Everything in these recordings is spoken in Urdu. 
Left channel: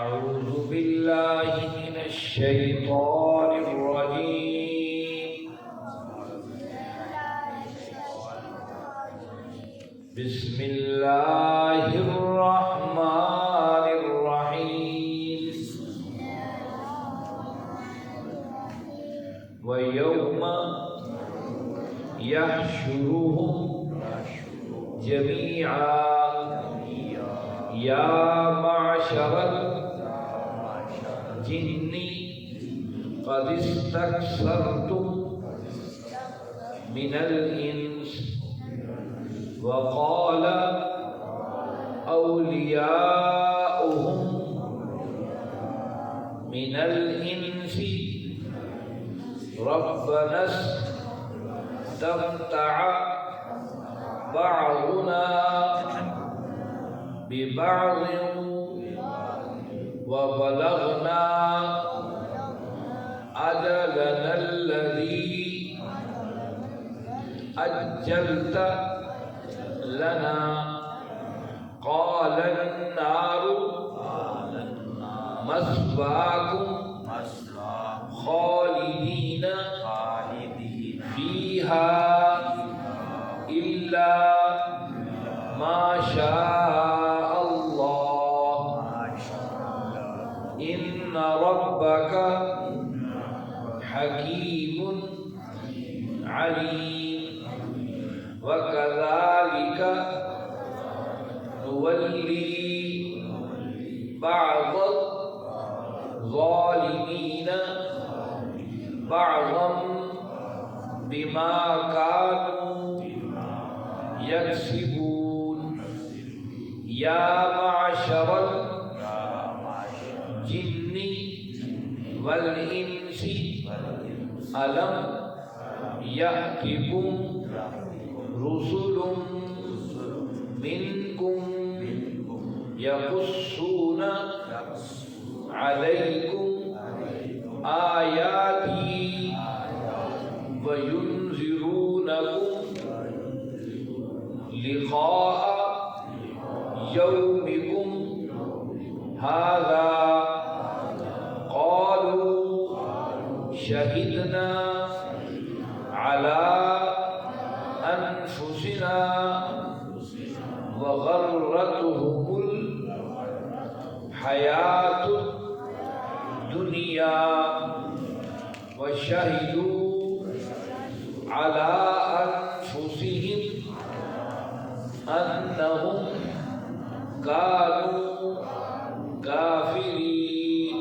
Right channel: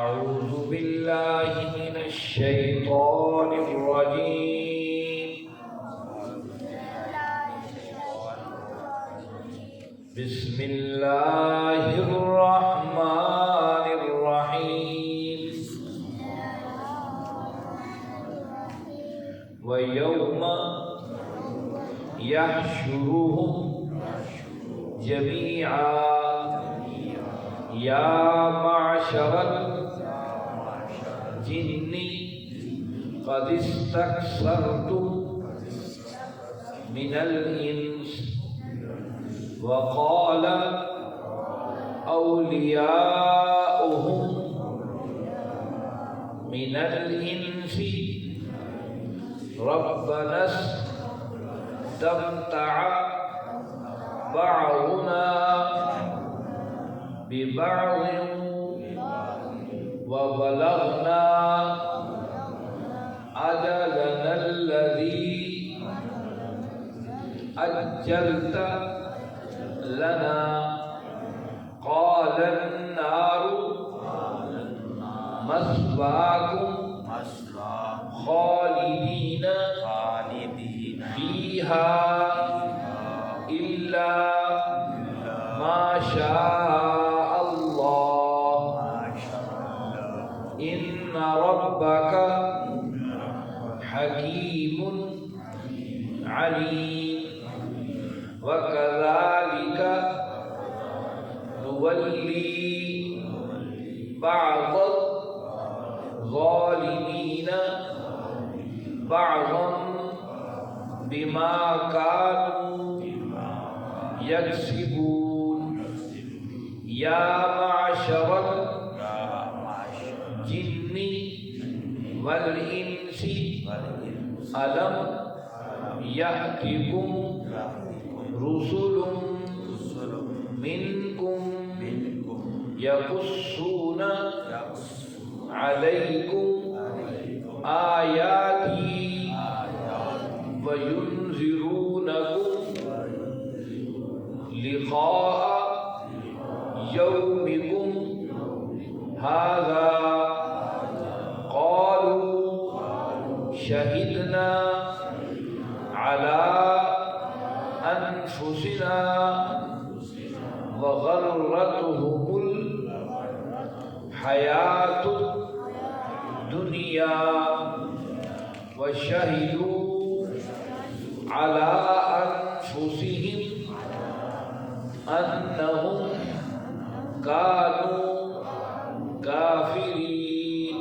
أعوذ بالله من الشيطان الرجيم. بسم الله الرحمن الرحيم. ويوم يحشرهم جميعا يا معشر الجن قد استكثرتم من الإنس وقال أولياؤهم من الإنس ربنا استمتع بعضنا ببعض وبلغنا أجلنا الذي أجلت لنا قال النار مثواكم خالدين فيها إلا ما شاء الله إن ربك حكيم عليم وكذلك نولي بعض الظالمين بعضا بما كانوا يكسبون يا معشر الجن والإنس ألم يأتكم رسل منكم يقصون عليكم آياتي وينذرونكم لقاء يومكم هذا قالوا شهدنا على أنفسنا وغرتهم الحياة الدنيا وشهدوا على أنفسهم أنهم كانوا كافرين.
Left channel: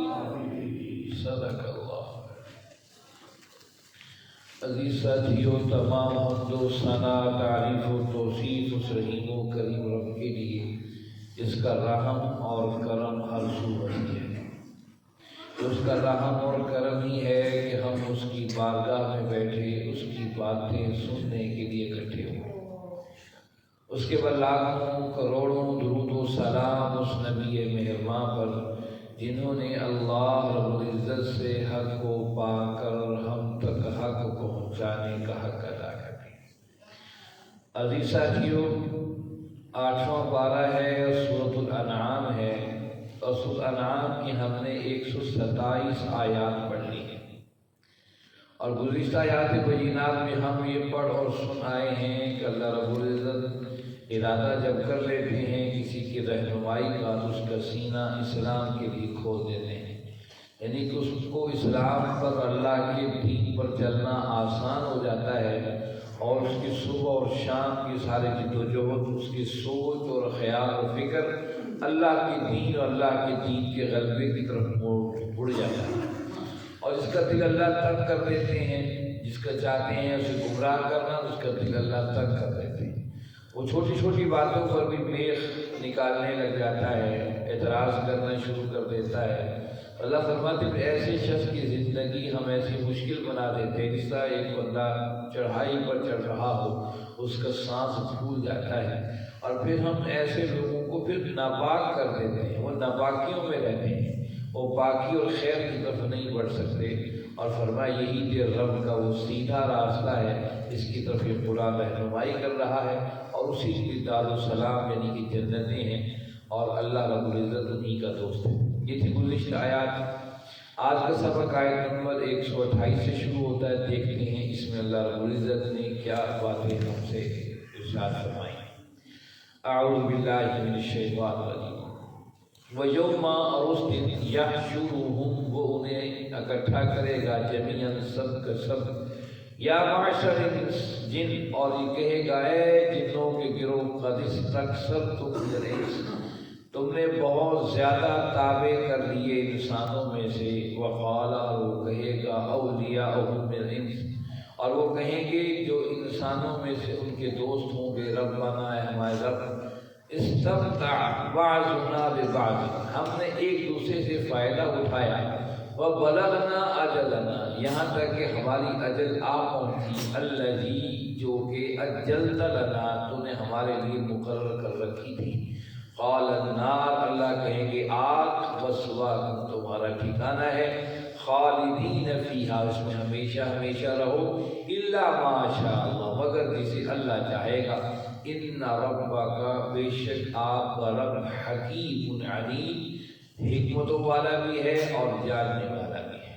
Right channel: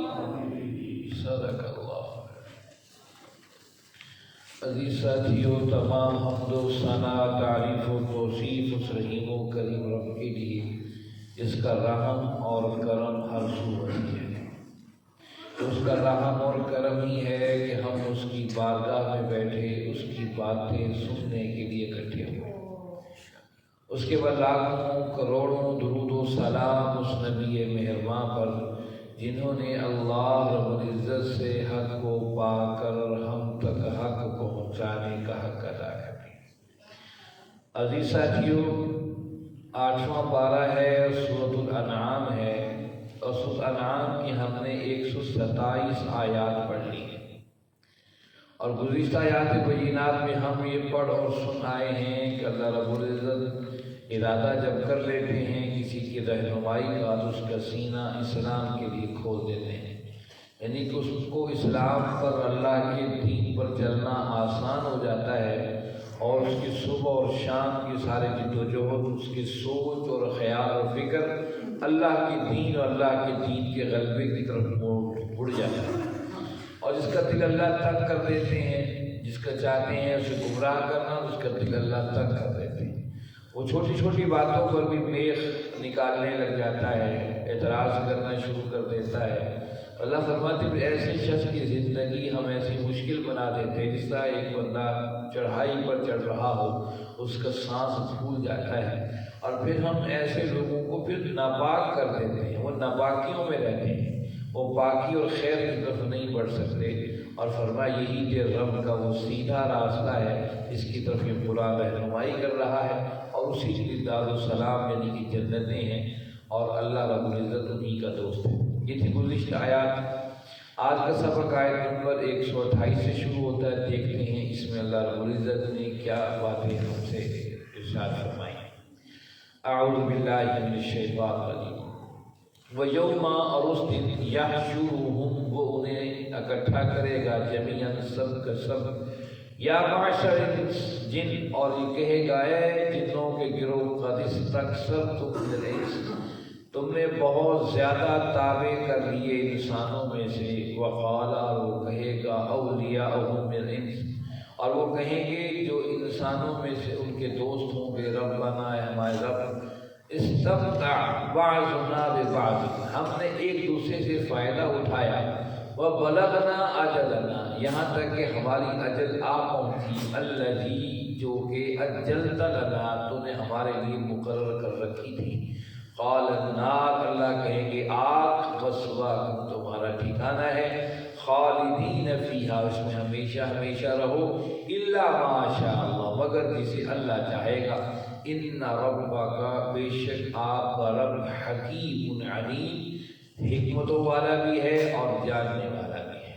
صدق اللہ. عزیز ساتھیو، تمام حمد و ثنا، تعریف و توصیف اس رحیم و کریم رب کے لیے جس کا رحم اور کرم ہر سو ہے. اس کا رحم اور کرم ہی ہے کہ ہم اس کی بارگاہ میں بیٹھے اس کی باتیں سننے کے لیے اکٹھے ہوئے. اس کے بعد لاکھوں کروڑوں درود و سلام اس نبی مہرباں پر جنہوں نے اللہ رب العزت سے حق کو پا کر ہم تک حق پہنچانے کا حق ادا کر دیا. عزیز ساتھیو، 8واں پارہ ہے، سورۃ الانعام ہے، اور سورۃ الانعام کی ہم نے 127 آیات پڑھ لی ہیں. اور گزشتہ آیات بینات میں ہم یہ پڑھ اور سن آئے ہیں کہ اللہ رب العزت ارادہ جب کر لیتے ہیں کسی کی رہنمائی کا تو اس کا سینہ اسلام کے لیے کھول دیتے ہیں. یعنی کہ اس کو اسلام پر، اللہ کے دین پر چلنا آسان ہو جاتا ہے، اور اس کی صبح اور شام کی سارے جد و جہد، اس کی سوچ اور خیال اور فکر اللہ کے دین اور اللہ کے دین کے غلبے کی طرف مڑ جاتا ہے. اور جس کا دل اللہ تنگ کر دیتے ہیں، جس کا چاہتے ہیں اسے گمراہ کرنا، اس کا دل اللہ تنگ کر دیتے ہیں. وہ چھوٹی چھوٹی باتوں پر بھی میخ نکالنے لگ جاتا ہے، اعتراض کرنا شروع کر دیتا ہے. اللہ فرماتے ہیں ایسے شخص کی زندگی ہم ایسی مشکل بنا دیتے ہیں جس طرح ایک بندہ چڑھائی پر چڑھ رہا ہو، اس کا سانس پھول جاتا ہے. اور پھر ہم ایسے لوگوں کو پھر ناپاک کر دیتے ہیں، وہ ناپاکیوں میں رہتے ہیں، وہ پاکی اور خیر کی طرف نہیں بڑھ سکتے. اور فرمایا یہی کہ رب کا وہ سیدھا راستہ ہے، اس کی طرف یہ قرآن رہنمائی کر رہا ہے، اور اسی کی دار السلام یعنی کہ جنتیں ہیں، اور اللہ رب العزت انہی کا دوست ہے. یہ تھی گزشتہ آیات آج کا سبق آیت نمبر 128 سے شروع ہوتا ہے. دیکھتے ہیں اس میں اللہ رب العزت نے کیا باتیں ہم سے ارشاد فرمائی. اعوذ باللہ من الشیطان الرجیم. وَيَوْمَ اور اس دن يَحْشُرُهُمْ وہ انہیں اکٹھا کرے گا جمیعاً سب کا سب. یا معشر جن اور یہ کہے گا اے جنوں کے گروہ قد استکثرتم من الانس تم نے بہت زیادہ تابع کر لیے انسانوں میں سے. وقال اور وہ کہے گا اولیاءہم من الانس اور وہ کہیں گے جو انسانوں میں سے ان کے دوست ہوں گے ربنا اے ہمارے رب استمتع بعضنا ببعض ہم نے ایک دوسرے سے فائدہ اٹھایا. وبلغنا اجلنا یہاں تک کہ ہماری اجل آ پہنچی. الذی جو کہ اجلت لنا تو نے ہمارے لیے مقرر کر رکھی تھی. قال النار اللہ کہیں گے آگ مسواکم تمہارا ٹھکانہ ہے. خالدین فیہا اس میں ہمیشہ ہمیشہ رہو. الا ما شاء اللہ مگر جسے اللہ چاہے گا. ان ربک بے شک آپ کا رب حکیم علیم حکمتوں والا بھی ہے اور جاننے والا بھی ہے.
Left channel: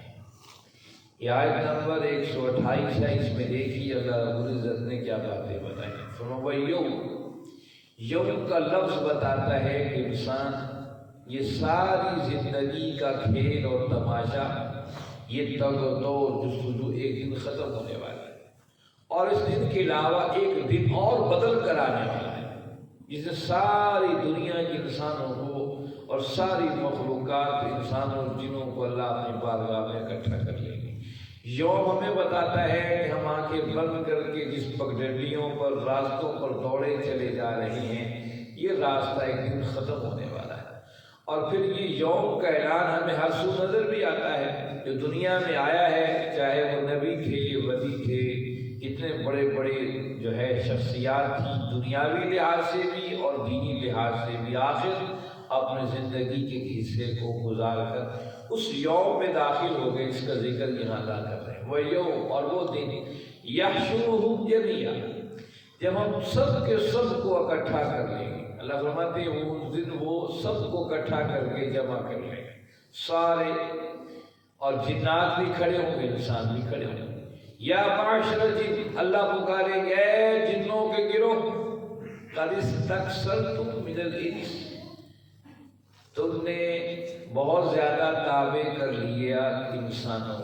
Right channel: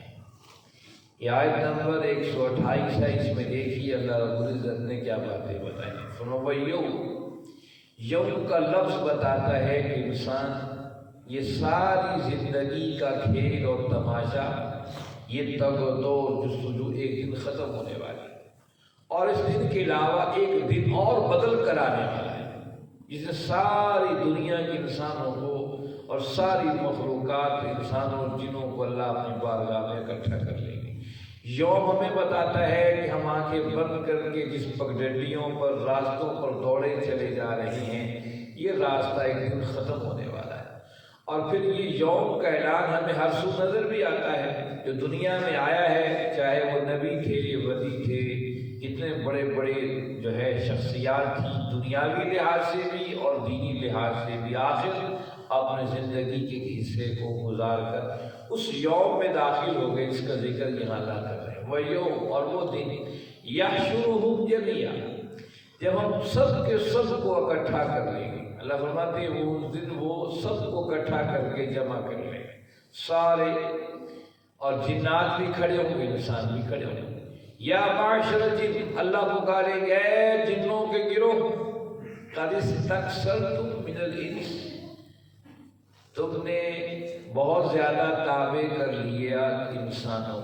یہ آیت نمبر 128 ہے. اس میں دیکھیے اللہ رب العزت نے کیا باتیں بتائی. یوم کا لفظ بتاتا ہے کہ انسان یہ ساری زندگی کا کھیل اور تماشا یہ تگ و دو جستجو ایک دن ختم ہونے والا ہے اور اس دن کے علاوہ ایک دن اور بدل کر آنے والا ہے جس سے ساری دنیا کے انسانوں کو اور ساری مخلوقات انسانوں اور جنوں کو اللہ اپنی بارگاہ میں اکٹھا کر لیں گے. یوم ہمیں بتاتا ہے کہ ہم آنکھیں بند کر کے جس پگڈنڈیوں پر راستوں پر دوڑے چلے جا رہے ہیں یہ راستہ ایک دن ختم ہونے والا ہے. اور پھر یہ یوم کا اعلان ہمیں ہر سو نظر بھی آتا ہے. جو دنیا میں آیا ہے چاہے وہ نبی تھے ولی تھے کتنے بڑے بڑے جو ہے شخصیات تھیں دنیاوی لحاظ سے بھی اور دینی لحاظ سے بھی آخر اپنے زندگی کے حصے کو گزار کر اس یوم میں داخل ہو گئے. اس کا ذکر یہاں اللہ کر رہے ہیں. وہ یوم اور وہ دن یحشرہم جمیعا جب ہم سب کے سب کو اکٹھا کر لیں گے. اللہ فرماتے ہیں وہ دن وہ سب کو اکٹھا کر کے جمع کر لیں گے سارے اور جنات بھی کھڑے ہوں گے انسان بھی کھڑے ہوں گے. یا معاشر جن اللہ پکاریں گے اے جنوں کے گروہ قد استکثرتم من الانس تم نے بہت زیادہ تابع کر لیا انسانوں.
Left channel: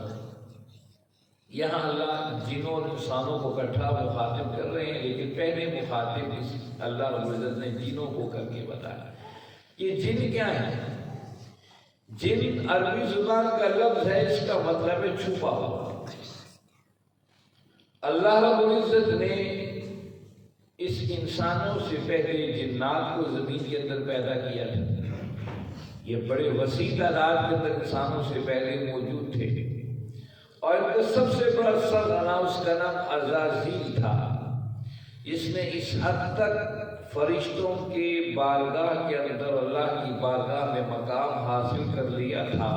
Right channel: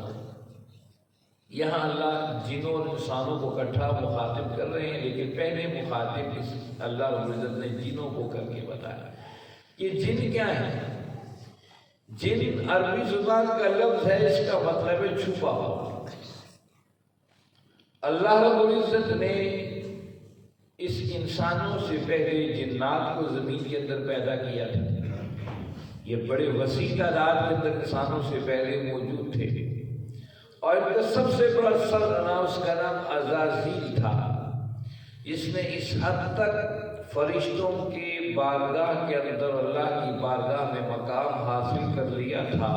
یہاں اللہ جنوں اور انسانوں کو اکٹھا مخاطب کر رہے ہیں لیکن پہلے مخاطب اللہ رب العزت نے جنوں کو کر کے بتایا. یہ جن کیا ہے؟ جن عربی زبان کا لفظ ہے اس کا مطلب ہے چھپا ہوا. اللہ رب العزت نے اس انسانوں سے پہلے جنات کو زمین کے اندر پیدا کیا تھا. یہ بڑے وسیع تعداد کے اندر انسانوں سے پہلے موجود تھے اور ان کا سب سے بڑا سردنا اس کا نام عزازیل تھا جس نے اس حد تک فرشتوں کی بارگاہ کے اندر اللہ کی بارگاہ میں مقام حاصل کر لیا تھا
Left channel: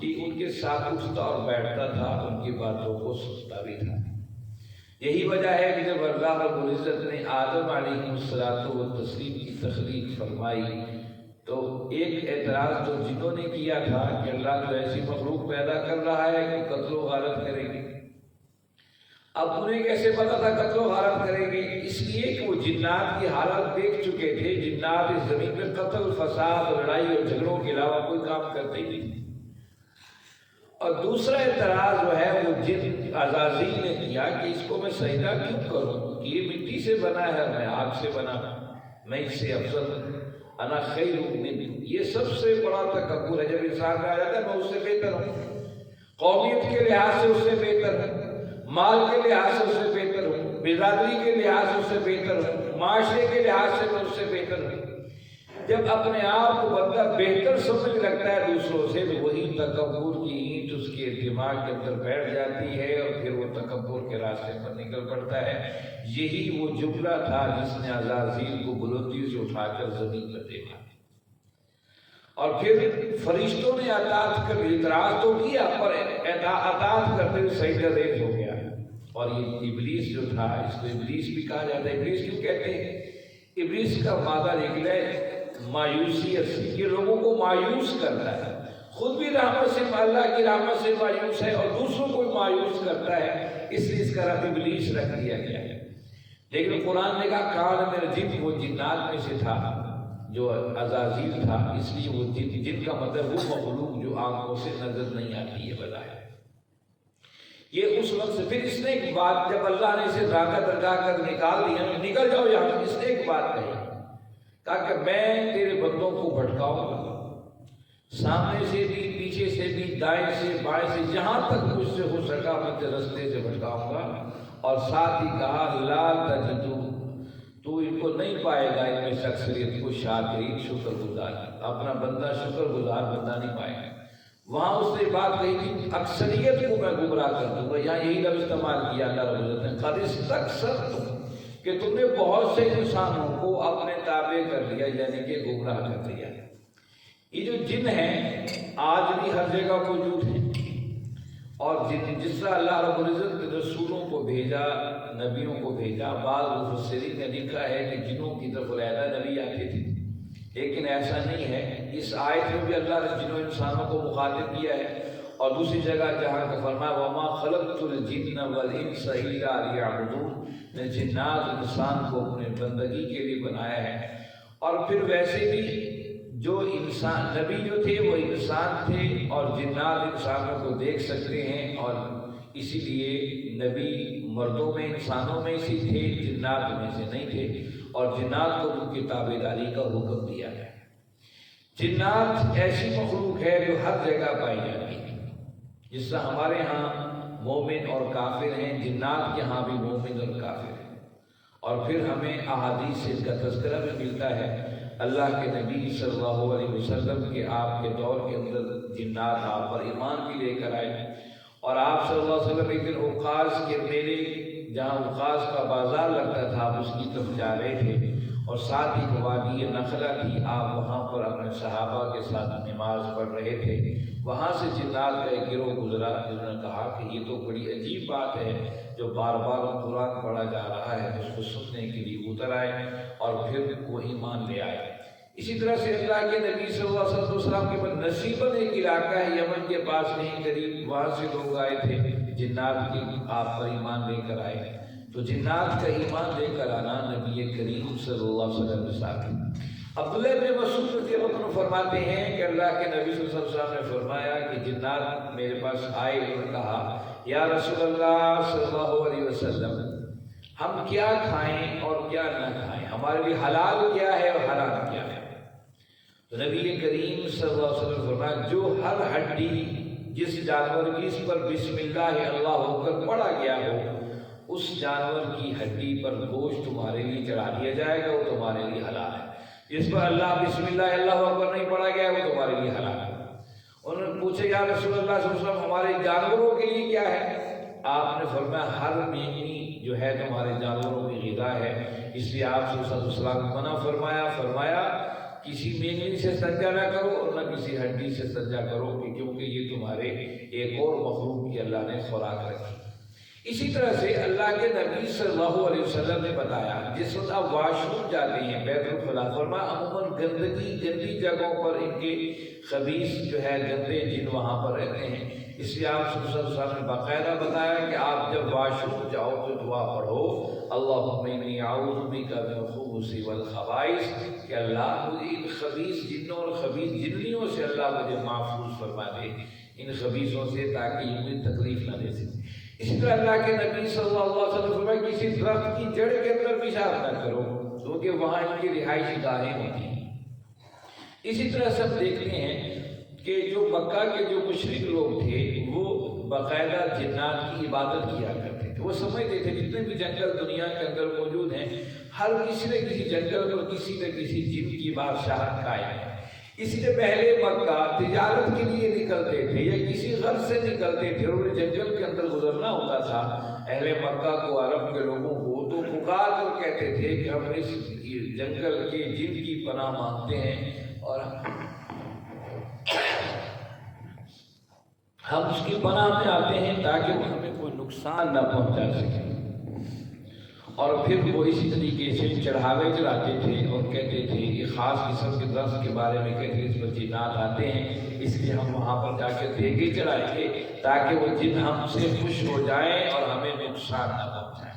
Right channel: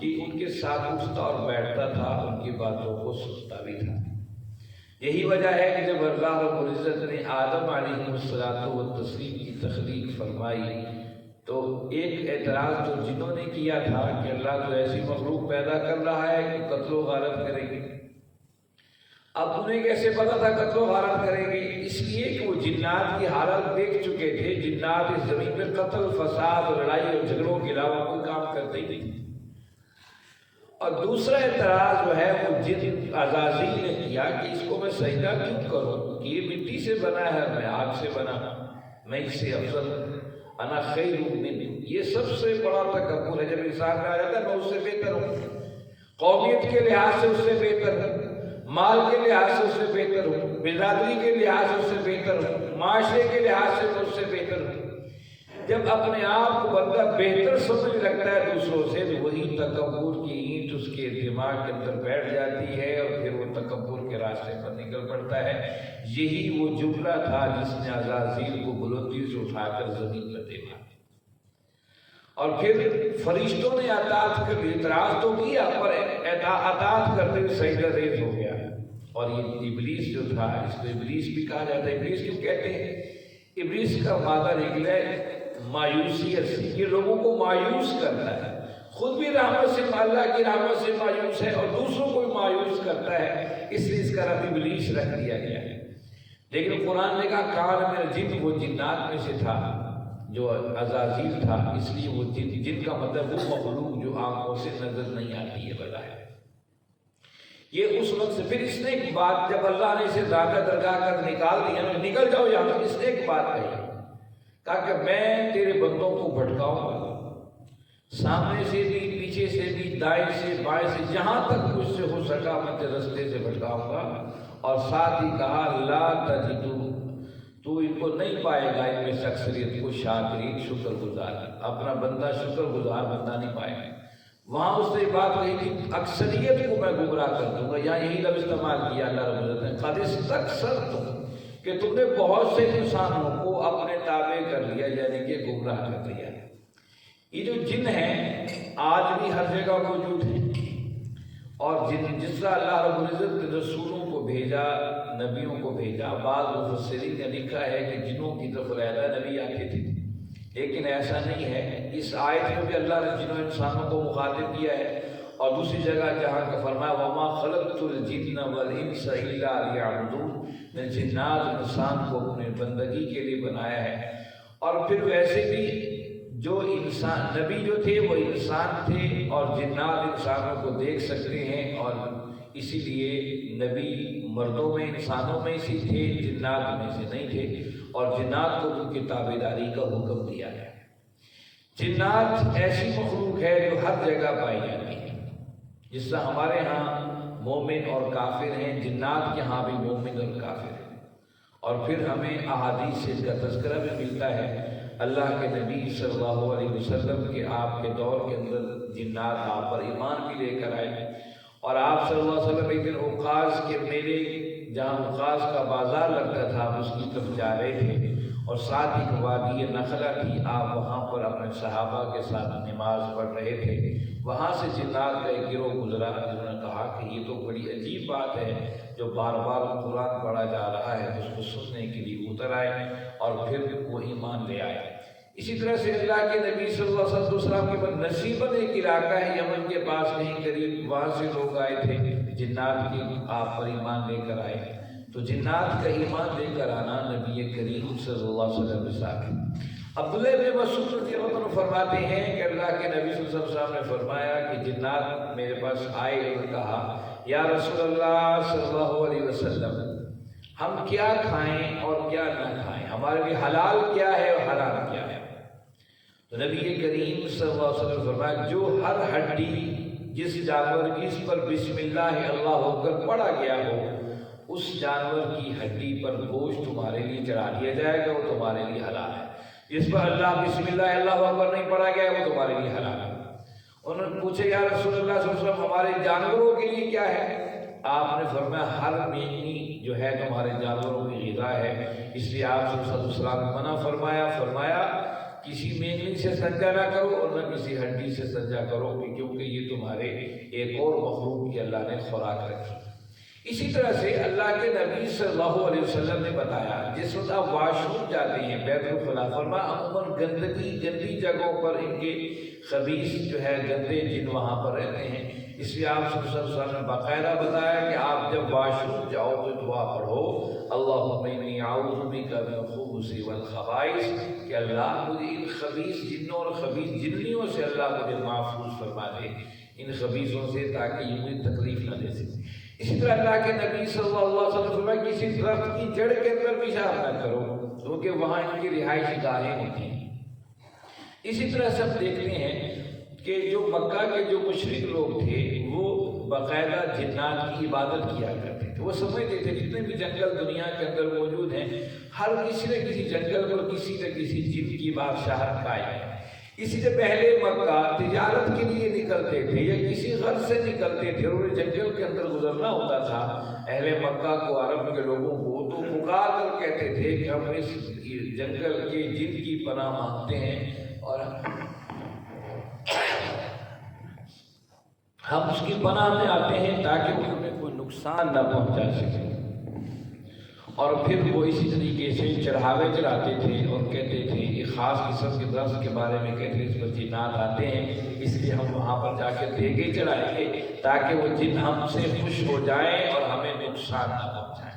کہ ان کے ساتھ اٹھتا اور بیٹھتا تھا ان کی باتوں کو سنتا بھی تھا. یہی وجہ ہے کہ جب اللہ رب العزت نے آدم علیہ السلام کی تخلیق فرمائی تو ایک اعتراض تو جنہوں نے کیا تھا کہ اللہ تو ایسی مخلوق پیدا کر رہا ہے کہ قتل و غارت کرے گی. اب انہیں کیسے پتا تھا قتل و غارت کرے گی؟ اس لیے کہ وہ جنات کی حالت دیکھ چکے تھے. جنات اس زمین میں قتل فساد لڑائی اور جھگڑوں کے علاوہ کوئی کام کرتے ہی نہیں. اور دوسرا اعتراض جو ہے وہ جن عزازیل نے کیا کہ اس کو میں سجدہ کیوں کروں کہ یہ مٹی سے بنا ہے میں آگ سے بنا میں اس سے افضل انا خیر منہ. یہ سب سے بڑا تکبر ہے. جب انسان کا آیا تھا میں اس سے بہتر ہوں قومیت کے لحاظ سے اس سے بہتر ہوں مال کے لحاظ سے اس سے بہتر ہوں برادری کے لحاظ سے اس سے بہتر ہوں معاشرے کے لحاظ سے میں اس سے بہتر ہوں. جب اپنے آپ کو بندہ بہتر سمجھ رکھتا ہے دوسروں سے تو وہی تکبر کی اینٹ اس کے دماغ کے اندر بیٹھ جاتی ہے اور پھر وہ تکبر کے راستے پر نکل پڑتا ہے. یہی وہ جملہ تھا جس نے عزازیل کو بلندی سے اٹھا کر زمین پر دیکھا اور پھر فرشتوں نے اطاعت کر اعتراض تو کیا پر اطاعت کرتے ہوئے سجدہ ریز ہو گیا. اور یہ ابلیس جو تھا اس کو ابلیس بھی کہا جاتا ہے. ابلیس کس کہتے ہیں؟ ابلیس کا مادہ نکلا ہے مایوسیت سے. یہ لوگوں کو مایوس کرتا ہے. خود بھی اللہ کی رحمت سے مایوس ہے اور دوسروں کو مایوس کرتا ہے، اس لیے اس کا رب ابلیس رکھ دیا گیا ہے۔ لیکن قرآن نے کہا کان من الجن، وہ جنات میں سے تھا جو عزازیل تھا، اس لیے وہ جن کا مطلب وہ مخلوق جو آنکھوں سے نظر نہیں آتی ہے بظاہر۔ یہ اس وقت سے پھر اس نے ایک بات، جب اللہ نے اسے دھاگا درگاہ کر نکال دیا نا، نکل جاؤ یہاں سے، اس نے ایک بات کہی، کہا کہ میں تیرے بندوں کو بھٹکاؤں گا، سامنے سے بھی، پیچھے سے بھی، دائیں سے، بائیں سے، جہاں تک مجھ سے ہو سکا میں تیرے رستے سے بھٹکاؤں گا۔ اور ساتھ ہی کہا لا تجدو، تو ان کو نہیں پائے گا ان میں سے اکثریت کو شاکرین، شکر گزار، اپنا بندہ شکر گزار بندہ نہیں پائے گا۔ وہاں اس نے بات کہی تھی اکثریت کو میں گمراہ کر دوں گا، یہاں یہی لفظ استعمال کیا اللہ رب العزت نے، قد استکثرتم، کہ تم نے بہت سے انسانوں کو اپنے تابع کر لیا، یعنی کہ گمراہ کر لیا۔ یہ جو جن ہیں آج بھی ہر جگہ موجود ہیں، اور جس طرح اللہ رب العزت نے رسولوں کو بھیجا، نبیوں کو بھیجا، بعض مفسرین نے لکھا ہے کہ جنوں کی طرف علیحدہ نبی آتے تھے، لیکن ایسا نہیں ہے۔ اس آیت میں بھی اللہ نے جنوں انسانوں کو مخاطب کیا ہے، اور دوسری جگہ جہاں کا فرمایا وما خلقت الجن والانس الا لیعبدون، نے جنات انسان کو اپنے بندگی کے لیے بنایا ہے۔ اور پھر ویسے بھی جو انسان نبی جو تھے وہ انسان تھے، اور جنات انسانوں کو دیکھ سکتے ہیں، اور اسی لیے نبی مردوں میں انسانوں میں سے تھے، جنات میں سے نہیں تھے، اور جنات کو ان کی تابعداری کا حکم دیا ہے۔ جنات ایسی مخلوق ہے جو ہر جگہ پائی جاتی ہے، جس طرح ہمارے ہاں مومن اور کافر ہیں، جنات کے ہاں بھی مومن اور کافر ہیں۔ اور پھر ہمیں احادیث سے اس کا تذکرہ بھی ملتا ہے، اللہ کے نبی صلی اللہ علیہ وسلم کے آپ کے دور کے اندر جنات آپ پر ایمان بھی لے کر آئے، اور آپ صلی اللہ علیہ وسلم ایک دن اوقاز کے میلے، جہاں اوقاز کا بازار لگتا تھا، آپ اس کی طرف جا رہے تھے، اور ساتھ ہی وادی نخلا تھی، آپ وہاں پر اپنے صحابہ کے ساتھ نماز پڑھ رہے تھے۔ وہاں سے جنات کا ایک گروہ گزرا، جنہوں نے کہا کہ یہ تو بڑی عجیب بات ہے، جو بار بار قرآن پڑھا جا رہا ہے، اس کو سننے کے لیے اتر آئے اور پھر وہ ایمان لے آئے۔ اسی طرح سے اللہ کے نبی صلی اللہ علیہ وسلم کے بعد نصیباً ایک علاقہ ہے یمن کے پاس نہیں قریب، وہاں سے لوگ آئے تھے، جنات کی آپ پر ایمان لے کر آئے۔ تو جنات کا ایمان لے کر آنا نبی کریم صلی اللہ علیہ وسلم کے ساتھ۔ عبداللہ بن مسعود رضی اللہ عنہ فرماتے ہیں کہ اللہ کے نبی صلی اللہ علیہ وسلم نے فرمایا کہ جنات میرے پاس آئے اور کہا یا رسول اللہ صلی اللہ علیہ وسلم، ہم کیا کھائیں اور کیا نہ کھائیں، ہمارے لیے حلال کیا ہے اور حرام کیا ہے؟ تو نبی کریم صلی اللہ علیہ وسلم فرمایا جو ہر ہڈی جس جانور کی اس پر بسم اللہ اللہ ہو کر پڑا گیا ہو، اس جانور کی ہڈی پر گوشت تمہارے لیے چڑھا دیا جائے گا، وہ تمہارے لیے حلال ہے۔ جس پر اللہ بسم اللہ اللہ ہو کر نہیں پڑا گیا وہ تمہارے لیے حرام ہے۔ انہوں نے پوچھے یا رسول اللہ صلی اللہ علیہ وسلم ہمارے جانوروں کے لیے کیا ہے؟ آپ نے فرمایا ہر مینی جو ہے تمہارے جانوروں کی غذا ہے، اس لیے آپ صلی اللہ علیہ وسلم منع فرمایا کسی مینی سے سجدہ نہ کرو اور نہ کسی ہڈی سے سجدہ کرو، کیونکہ یہ تمہارے ایک اور مخلوق کی اللہ نے خوراک رکھی۔ اسی طرح سے اللہ کے نبی صلی اللہ علیہ وسلم نے بتایا جس وقت آپ واش روم جاتے ہیں بیت الخلاء، فرمایا عموماً گندی جگہوں پر ان کے خبیث جو ہے گندے جن وہاں پر رہتے ہیں، اس لیے آپ صلی اللہ علیہ وسلم نے باقاعدہ بتایا کہ آپ جب واش روم جاؤ تو دعا پڑھو اللہم انی اعوذ بک من الخبث والخبائث، کہ اللہ مجھے ان خبیث جنوں اور خبیث جنیوں سے اللہ مجھے محفوظ فرما دے، ان خبیثوں سے، تاکہ یہ مجھے تکلیف نہ دے سکے۔ اسی طرح اللہ کے نبی صلی اللہ علیہ وسلم فرمایا کسی درخت کی جڑ کے اندر پیشاب نہ کرو، کیونکہ وہاں ان کی رہائشی گاہیں ہوتی ہیں۔ اسی طرح سے ہم دیکھتے ہیں کہ جو مکہ کے جو مشرک لوگ تھے وہ باقاعدہ جنات کی عبادت کیا کرتے تھے، وہ سمجھتے تھے جتنے بھی جنگل دنیا کے اندر موجود ہیں ہر کسی نہ کسی جنگل پر کسی نہ کسی جن کی بادشاہت قائم ہے۔ اسی سے پہلے مکہ تجارت کے لیے نکلتے تھے یا کسی غرض سے نکلتے تھے اور جنگل کے اندر گزرنا ہوتا تھا، اہل مکہ کو، عرب کے لوگوں کو تو پکار کر کہتے تھے کہ ہم اس جنگل کے جن کی پناہ مانگتے ہیں اور ہم اس کی پناہ میں آتے ہیں تاکہ وہ ہمیں کوئی نقصان نہ پہنچا سکیں۔ اور پھر وہ اسی طریقے سے چڑھاوے چڑھاتے تھے اور کہتے تھے یہ خاص قسم کے درس کے بارے میں کہتے تھے اس میں جنات آتے ہیں، اس لیے ہم وہاں پر جا کے دیگے چڑھائیں گے تاکہ وہ جن ہم سے خوش ہو جائیں اور ہمیں نقصان نہ پہنچائیں۔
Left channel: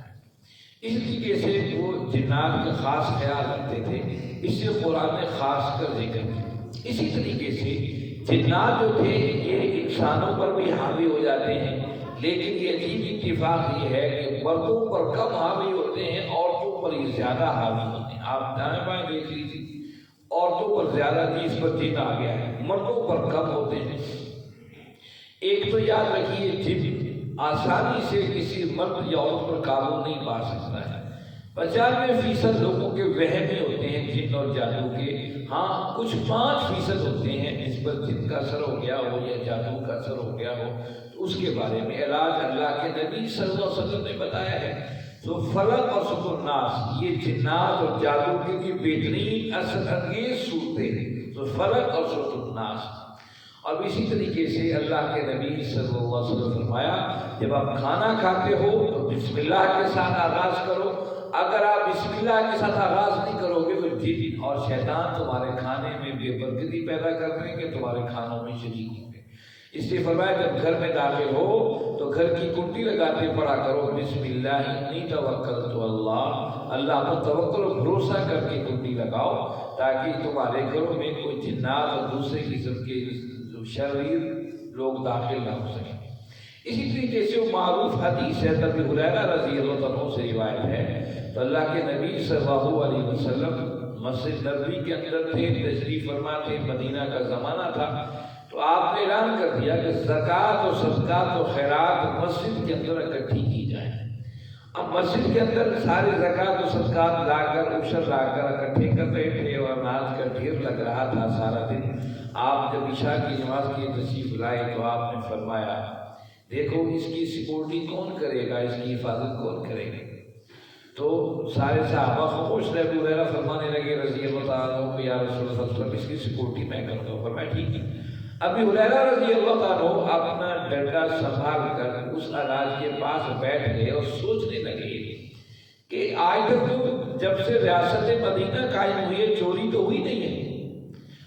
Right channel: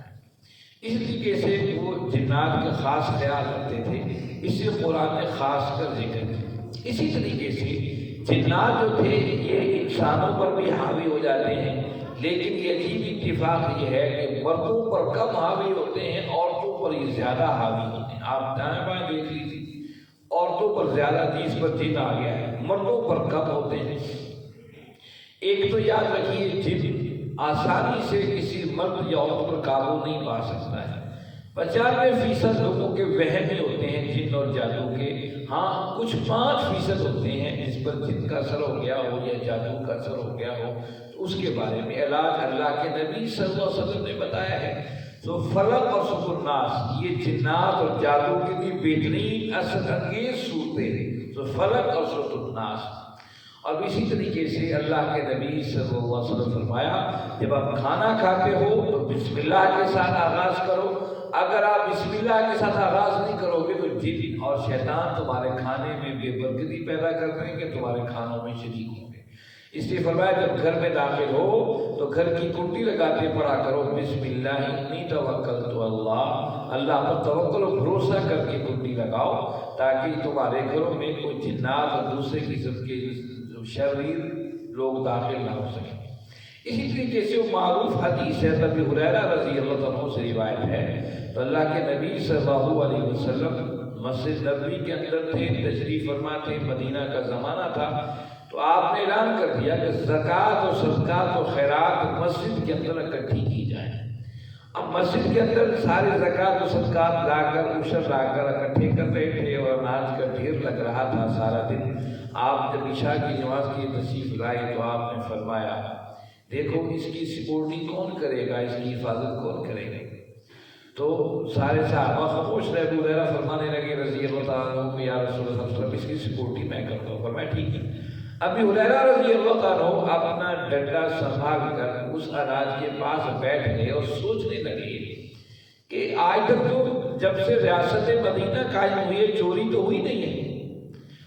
اس طریقے سے وہ جنات کا خاص خیال رکھتے تھے، اس سے قرآن نے خاص کر ذکر کیا۔ اسی طریقے سے جنات جو تھے یہ انسانوں پر بھی حاوی ہو جاتے ہیں، لیکن یہ عجیب اتفاق یہ ہے کہ مردوں پر کم حاوی ہوتے ہیں، عورتوں پر یہ زیادہ حاوی ہوتے ہیں۔ آپ دائیں بائیں دیکھ لیجیے، عورتوں پر زیادہ نسبت جن آ گیا ہے، مردوں پر کم ہوتے ہیں۔ ایک تو یاد رکھیے جن آسانی سے کسی مرد یا عورت پر قابو نہیں پا سکتا ہے۔ 95% لوگوں کے وہم ہی ہوتے ہیں جن اور جادو کے، ہاں کچھ 5% ہوتے ہیں جس پر جن کا اثر ہو گیا ہو یا جادو کا اثر ہو گیا ہو، تو اس کے بارے میں علاج اللہ کے نبی صلی اللہ علیہ وسلم نے بتایا ہے۔ تو فلق اور سب الناس، یہ جنات اور جادو کے بھی بہترین اثر انگیز صورتیں ہیں، تو فلق اور سب الناس۔ اور اسی طریقے سے اللہ کے نبی صلی اللہ علیہ وسلم فرمایا جب آپ کھانا کھاتے ہو تو بسم اللہ کے ساتھ آغاز کرو، اگر آپ بسم اللہ کے ساتھ آغاز نہیں کرو گے تو جن اور شیطان تمہارے کھانے میں بے برکتی پیدا کر دیں گے، تمہارے کھانوں میں شریک ہوں گے۔ اس لیے فرمایا جب گھر میں داخل ہو تو گھر کی کنڈی لگاتے پڑا کرو بسم اللہ انی توکلت اللہ، اللہ پر توکل و بھروسہ کر کے کنڈی لگاؤ تاکہ تمہارے گھروں میں کوئی جنات اور دوسرے قسم کے شریر لوگ داخل نہ ہو سکیں۔ اسی طریقے سے وہ معروف حدیث ہے ابی ہریرہ رضی اللہ عنہ سے روایت ہے، تو اللہ کے نبی صلی اللہ علیہ وسلم مسجد نبوی کے اندر تھے، تشریف فرما تھے، مدینہ کا زمانہ تھا، تو آپ نے اعلان کر دیا کہ زکوٰۃ و صدقات و خیرات مسجد کے اندر اکٹھی کی جائیں۔ اب مسجد کے اندر سارے زکوٰۃ و صدقات لا کر عشر لا کر اکٹھے کر رہے تھے اور اناج کا ڈھیر لگ رہا تھا سارا دن۔ آپ جب عشاء کی نماز کی تشریف لائے تو آپ نے فرمایا دیکھو اس کی سیکورٹی کون کرے گا، اس کی حفاظت کون کرے گا؟ تو سارے صحابہ خاموش رہے، ابو ہریرہ فرمانے لگے رضی اللہ عنہ کہ یا رسول اللہ اس کی سیکورٹی میں کرتا ہوں۔ فرمایا ٹھیک ہے۔ ابی ہریرہ رضی اللہ عنہ اپنا ڈنڈا سنبھال کر اس اناج کے پاس بیٹھ گئے اور سوچنے لگے کہ آج تک تو جب سے ریاست مدینہ قائم ہوئی ہے چوری تو ہوئی نہیں ہے،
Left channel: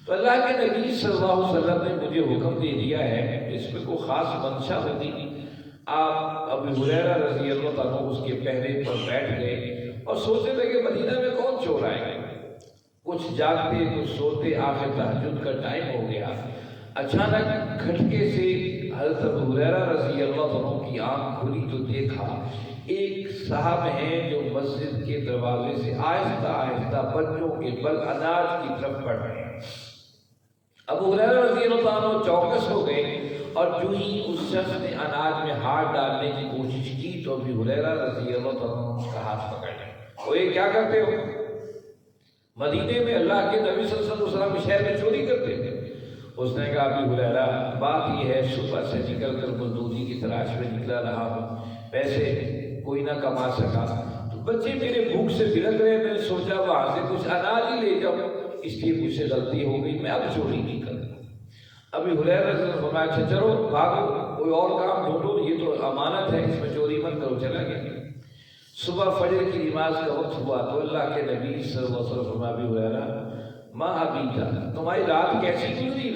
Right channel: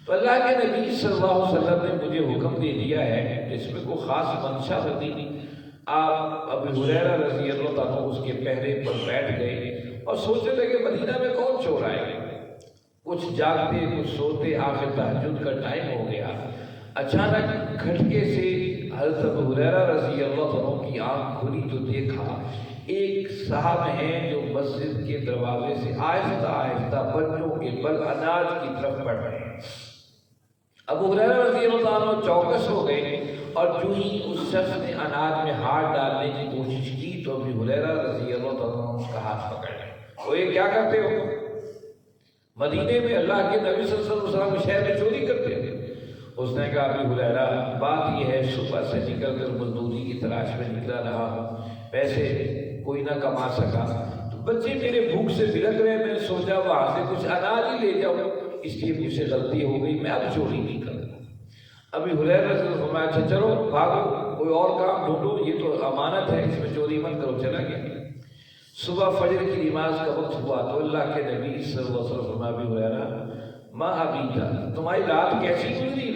تو اللہ کے نبی صلی اللہ علیہ وسلم نے مجھے حکم دے دیا ہے کہ اس میں کوئی خاص منشا ہوتی نہیں۔ آپ ابی ہریرہ رضی اللہ عنہ اس کے پہرے پر بیٹھ گئے اور سوچنے لگے مدینہ میں کون چور آئے گا، کچھ جاگتے کچھ سوتے، آخر تہجد کا ٹائم ہو گیا۔ اچانک کھٹکے سے حضرت ابو ہریرہ رضی اللہ عنہ کی آنکھ کھلی تو دیکھا ایک صاحب ہیں جو مسجد کے دروازے سے آہستہ آہستہ بچوں کے بل اناج کی طرف بڑھ رہے ہیں۔ ابو ہریرہ رضی اللہ عنہ چوکس ہو گئے اور جو ہی اس شخص نے اناج میں ہاتھ ڈالنے کی کوشش کی تو ابو ہریرہ رضی اللہ عنہ اس کا ہاتھ پکڑ لیا۔ وہ یہ کیا کرتے ہو؟ مدینے میں اللہ کے نبی صلی اللہ علیہ وسلم شہر میں چوری کرتے تھے۔ اس نے کہا ابو ہریرہ بات یہ ہے صبح سے نکل کر مزدوری کی تلاش میں نکلا رہا ہوں، پیسے کوئی نہ کما سکا، تو بچے میرے بھوک سے بلک رہے، میں نے سوچا وہاں سے کچھ اناج ہی لے جاؤں، اس لیے مجھ سے غلطی ہو گئی، میں اب چوری نہیں کرتا۔ ابی ہریرہ رضی اللہ عنہ فرمایا اچھا چلو بھاگو کوئی اور کام ڈھونڈو، یہ تو امانت ہے اس میں چوری مت کرو۔ چلا گیا۔ صبح فجر کی نماز کا وقت ہوا تو اللہ کے نبی صلی اللہ علیہ وسلم فرمایا ابی ہریرہ ماں ابھی کا تمہاری رات کیسی گزری؟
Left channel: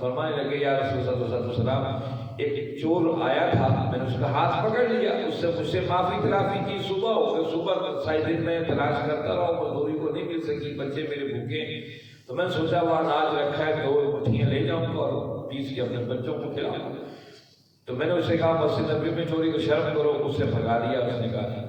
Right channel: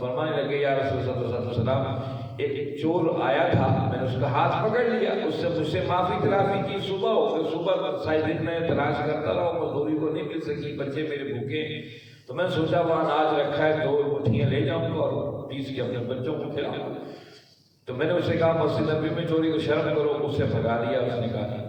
فرمانے لگے یا رسول اللہ صلی اللہ علیہ وسلم ایک چور آیا تھا، میں نے اس کا ہاتھ پکڑ لیا، اس سے مجھ سے معافی تلافی کی، صبح ہو گئی، صبح سارے دن میں تلاش کرتا رہا، مزدوری کو نہیں مل سکی، بچے میرے بھوکے، تو میں نے سوچا وہاں اناج رکھا ہے 2 مٹھیاں لے جاؤں گا اور 20 کے اپنے بچوں کو کھلاؤں۔ تو میں نے اس سے کہا مسجد نبوی میں چوری کو شرم کرو، اس سے بھگا دیا۔ اس نے کہا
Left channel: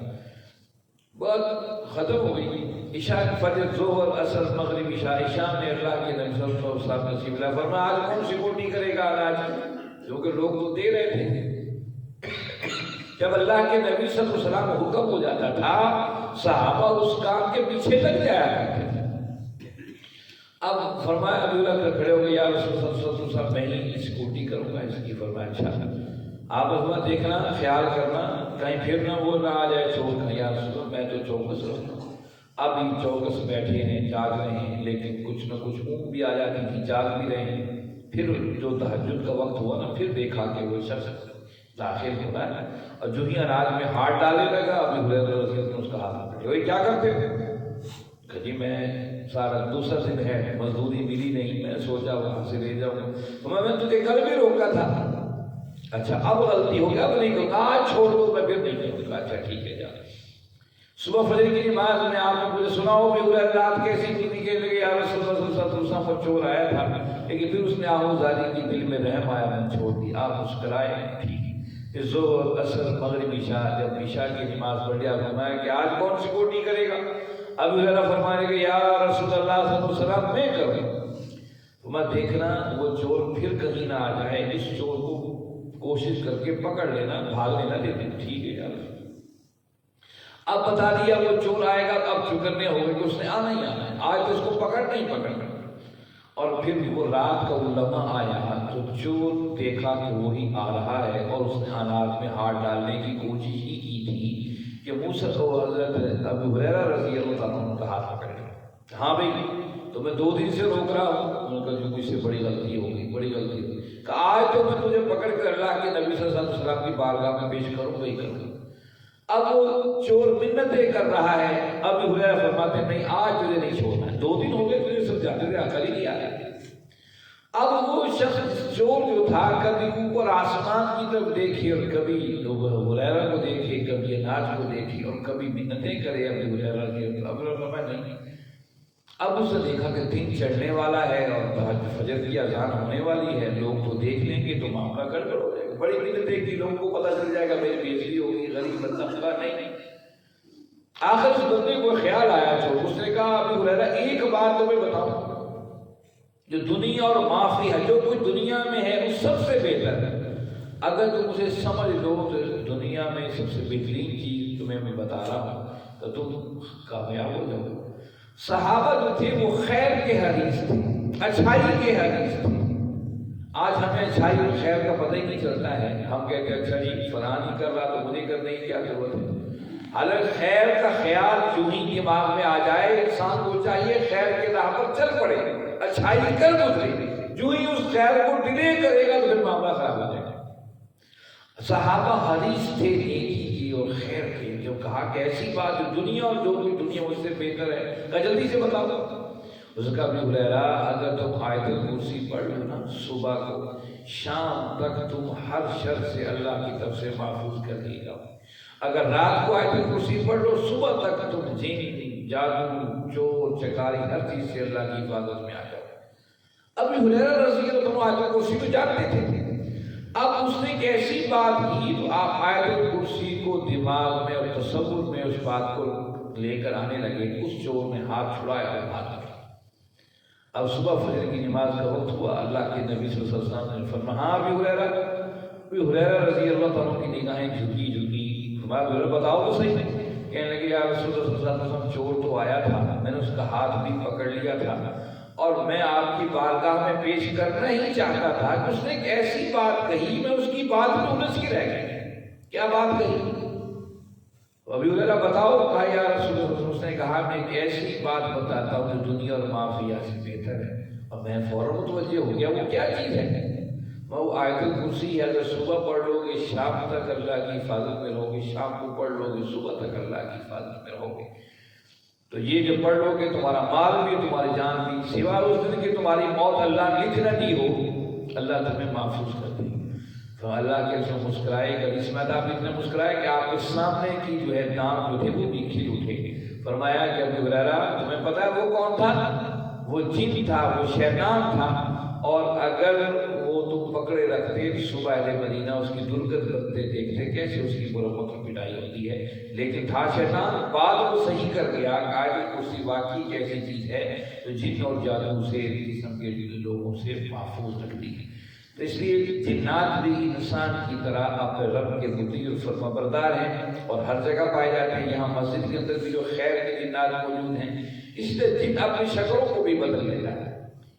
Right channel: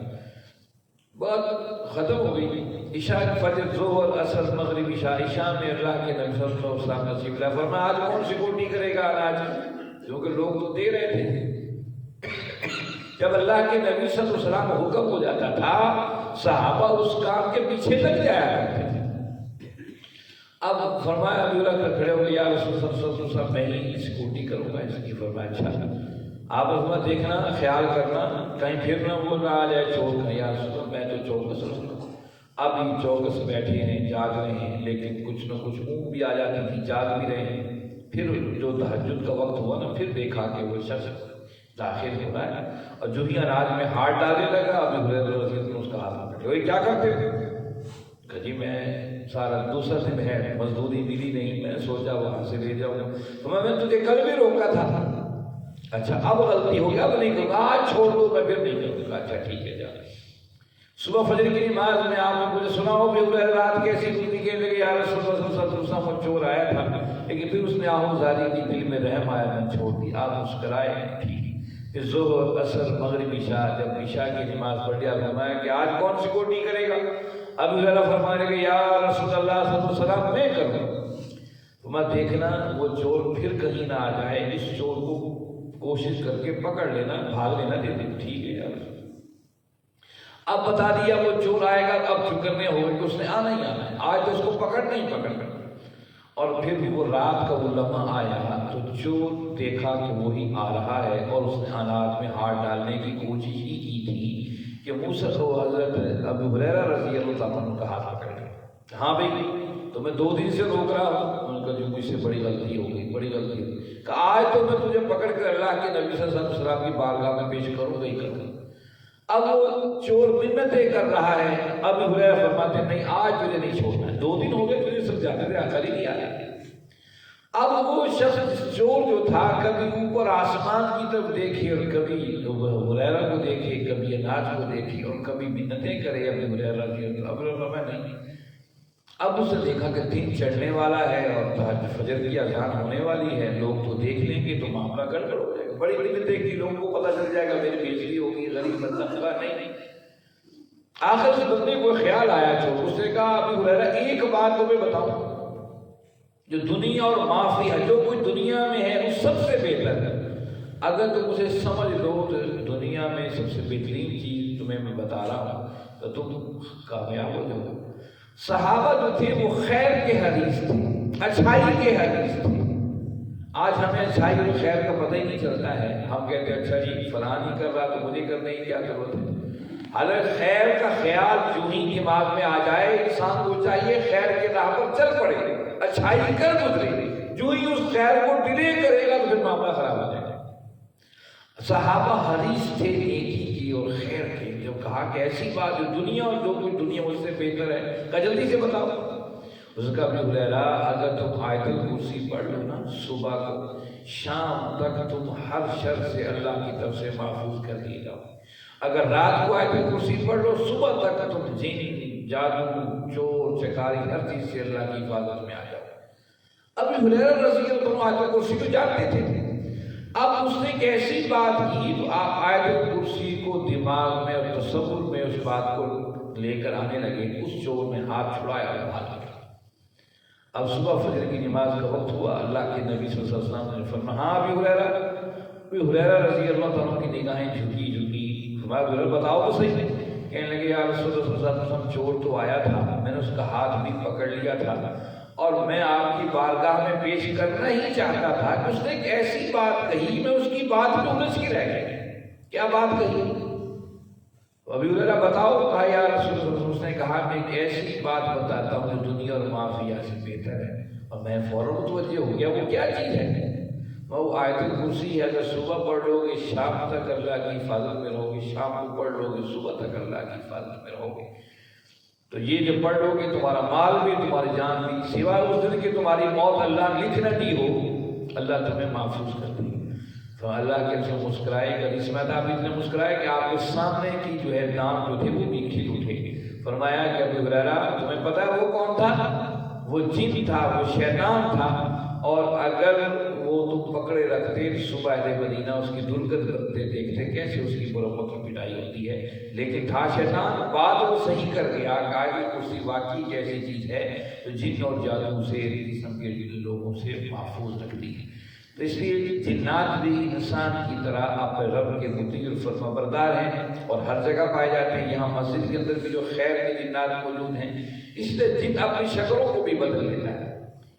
بات ختم ہو گئی۔ عشاء فجر ظہر اثر مغرب عشاء شام میں اللہ کے نبی صلی اللہ علیہ وسلم نصیب اللہ فرمایا آج کون سیکورٹی کرے گا اناج، کیونکہ لوگ تو دے رہے تھے۔ جب اللہ کے نبی صلی اللہ علیہ وسلم حکم ہو جاتا تھا صحابہ اس کام کے پیچھے لگ جایا کرتے تھے۔ اب فرمایا ابو ہریرہ کھڑے ہو گئے یا رسول اللہ صلی اللہ علیہ وسلم میں ہی سیکورٹی کروں گا اس کی۔ فرمایا اچھا آپ اپنا دیکھنا خیال کرنا کہیں پھر نہ بول رہا آ جائے چور کا، یا رسول اللہ میں تو چوکس رہوں گا۔ اب ان چوکس بیٹھے ہیں جاگ رہے ہیں، لیکن کچھ نہ کچھ اونگ بھی آ جاتی تھی، جاگ بھی رہے ہیں۔ پھر جو تہجد کا وقت ہوا نا پھر دیکھا کہ وہ شخص داخل ہوا ہے اور جو ہی اناج میں ہاتھ ڈالنے لگا ابو ہریرہ رضی اللہ عنہ اس کا کہا وہی کیا کرتے تھے کہ جی میں سارا دوسرا سے ہے مزدوری ملی نہیں، میں سوچا وہاں سے لے جاؤں، تو میں تجھے کل بھی روکا تھا، اچھا اب غلطی ہو گئی اب نہیں کروں، آج چھوڑ دو میں پھر نہیں کروں گا، اچھا ٹھیک ہے جا۔ صبح فجر کی نماز میں آپ نے مجھے سنا ہو کہ رات کیسی تھی کہ یا رسول اللہ صلی اللہ علیہ وسلم چور آیا تھا، لیکن پھر اس نے آہوزاری کی، دل میں رحم آیا، میں چھوڑ دی، آپ مسکرائے ٹھیک۔ پھر ظہر عصر مغرب عشاء، جب عشاء کی نماز پڑھ لیا فرمایا کہ آج کون سیکورٹی کرے گا؟ ابو ہریرہ فرمانے کہ یا رسول اللہ صلی اللہ علیہ وسلم میں کروں۔ میں دیکھنا وہ چور پھر کہیں نہ آ جائے، اس چور کو کوشش کر کے پکڑ لینا، بھاگ لینا دے دیں، ٹھیک ہے یار۔ اب بتا دیا وہ چور آئے گا، اب فکر نہیں ہوگا کہ اس نے آنا ہی آنا ہے، آج تو اس کو پکڑنا ہی پکڑنا۔ اور پھر وہ رات کا وہ لمحہ آیا تو جو دیکھا تو وہی آ رہا ہے، اور اس نے اناج میں ہاتھ ڈالنے کی کوشش ہی کی تھی کہ منہ سے تو حضرت ابو ہریرہ رضی اللہ عنہ کا ہاتھ پکڑ لیا۔ ہاں بھائی تو میں 2 دن سے روک رہا ہوں، ان کا جو مجھ سے بڑی غلطی ہوگی، بڑی غلطی ہوگی کہ آج تو میں تجھے پکڑ کر اللہ کے نبی صلی اللہ علیہ وسلم کی بارگاہ میں پیش کروں گا ہی کروں گا۔ اب وہ چور منتیں کر رہا ہے، ابو ہریرہ فرماتے نہیں آج تجھے نہیں چھوڑنا ہے، 2 دن ہو گئے تجھے سمجھاتے تھے عقل ہی نہیں آیا۔ اب وہ شخص چور جو تھا کبھی اوپر آسمان کی طرف دیکھے اور کبھی ابو ہریرہ کو دیکھے، کبھی اناج کو دیکھے اور کبھی منتیں کرے ابو ہریرہ کی، اب نہیں۔ اب اس نے دیکھا کہ دن چڑھنے والا ہے اور فجر کی اذان ہونے والی ہے، لوگ تو دیکھ لیں گے تو معاملہ گڑبڑ ہو جائے گا، بڑی منتیں کی، لوگوں کو پتہ چل جائے گا میری بیٹی ہوگی، غریب بندہ ہوگا، نہیں۔ آخر اس بندے کو خیال آیا چور، اس نے کہا ابو ہریرہ ایک بات تمہیں بتاؤں، جو دنیا اور معافی ہے، جو کوئی دنیا میں ہے وہ سب سے بہتر ہے، اگر تم اسے سمجھ لو تو دنیا میں سب سے بہترین چیز تمہیں میں بتا رہا ہوں تو تم کامیاب ہو جاؤ۔ صحابہ جو تھے وہ خیر کے حدیث تھے، اچھائی کے حدیث تھے۔ آج ہمیں اچھائی اور خیر کا پتہ ہی نہیں چلتا ہے، ہم کہتے ہیں اچھا جی فلاں نہیں کر رہا تو مجھے کرنے کی کیا ضرورت ہے۔ حالانکہ خیر کا خیال جو ہی دماغ میں آ جائے، انسان کو چاہیے خیر کے راہ پر چل پڑے، اچھائی کر گزرے، جو ہی اس خیر کو ڈیلے کرے گا تو پھر معاملہ خراب ہو جائے گا۔ صحابہ حریص تھے نیکی کی اور خیر کے، جو کہا کہ ایسی بات جو دنیا اور جو کوئی دنیا اس سے بہتر ہے کہ جلدی سے بتاؤ۔ اس کا بھی ہریرہ اگر تم آیت الکرسی پڑھ لو نا صبح کو، شام تک تم ہر شر سے اللہ کی طرف سے محفوظ کر لیے جاؤ۔ اگر رات کو آیت الکرسی پڑھ لو، صبح تک تم جن جادو چور چکاری ہر چیز سے اللہ کی حفاظت میں آ جاؤ۔ ابو ہریرہ رضی اللہ عنہ آیت الکرسی کو جانتے تھے، اب اس نے ایک ایسی بات کی تو آپ آیت الکرسی کو دماغ میں اور تصور میں اس بات کو لے کر آنے لگے، اس چور نے ہاتھ چھڑایا اور ہاتھ پکڑا۔ اب صبح فجر کی نماز کا وقت ہوا، اللہ کے نبی صلی اللہ علیہ وسلم نے فرمایا ہاں ابو ہریرہ رضی اللہ عنہ کی نگاہیں جھکی بتاؤ تو صحیح نہیں، کہنے لگے یا رسول اللہ صلی اللہ علیہ وسلم چور تو آیا تھا، میں نے اس کا ہاتھ بھی پکڑ لیا تھا اور میں آپ کی بارگاہ میں پیش کرنا ہی چاہتا تھا کہ اس نے ایک ایسی بات کہی، میں اس کی بات تو الجھ کے رہ گیا۔ کیا بات کہی؟ ابو ہریرہ بتاؤ، کہا یا رسول اللہ، اس نے کہا میں ایک ایسی بات بتاتا ہوں جو دنیا اور معافیہ سے بہتر ہے، اور میں فوراً متوجہ ہو گیا وہ کیا چیز ہے۔ وہ آیت الکرسی ہے، اگر صبح پڑھ لو گے شام تک اللہ کی حفاظت میں رہو گے، شام کو پڑھ لو گے صبح تک اللہ کی حفاظت میں رہو گے۔ تو یہ جو پڑھ لو گے تمہارا مال بھی تمہاری جان بھی، سوائے اس دن کہ تمہاری موت اللہ لکھ نہ دی ہو، اللہ تمہیں محفوظ کر دے گا۔ تو اللہ کے رسول مسکرائے گا، اس میں آپ اتنے مسکرائے کہ آپ کے سامنے کی جو ہے دام جو تھے وہ بھی کھل اٹھے۔ فرمایا کہ ابو ہریرہ تمہیں پتا ہے وہ کون تھا؟ وہ جن تھا، وہ شیطان تھا، اور اگر وہ تم پکڑے رکھتے صبح اہل مدینہ اس کی درگت کرتے دیکھتے کیسے اس کی برابر کی پٹائی ہوتی ہے، لیکن تھا شیطان، بات وہ صحیح کر گیا کہ کرسی واقعی جیسی چیز ہے تو جن اور جادو سے قسم کے لوگوں سے محفوظ رکھتی ہے۔ تو اس لیے جنات بھی انسان کی طرح اپنے رب کے مطیع اور فرما بردار ہیں اور ہر جگہ پائے جاتے ہیں۔ یہاں مسجد کے اندر بھی جو خیر کے جنات موجود ہیں، اس لیے جن اپنی شکلوں کو بھی بدل لیتا ہے۔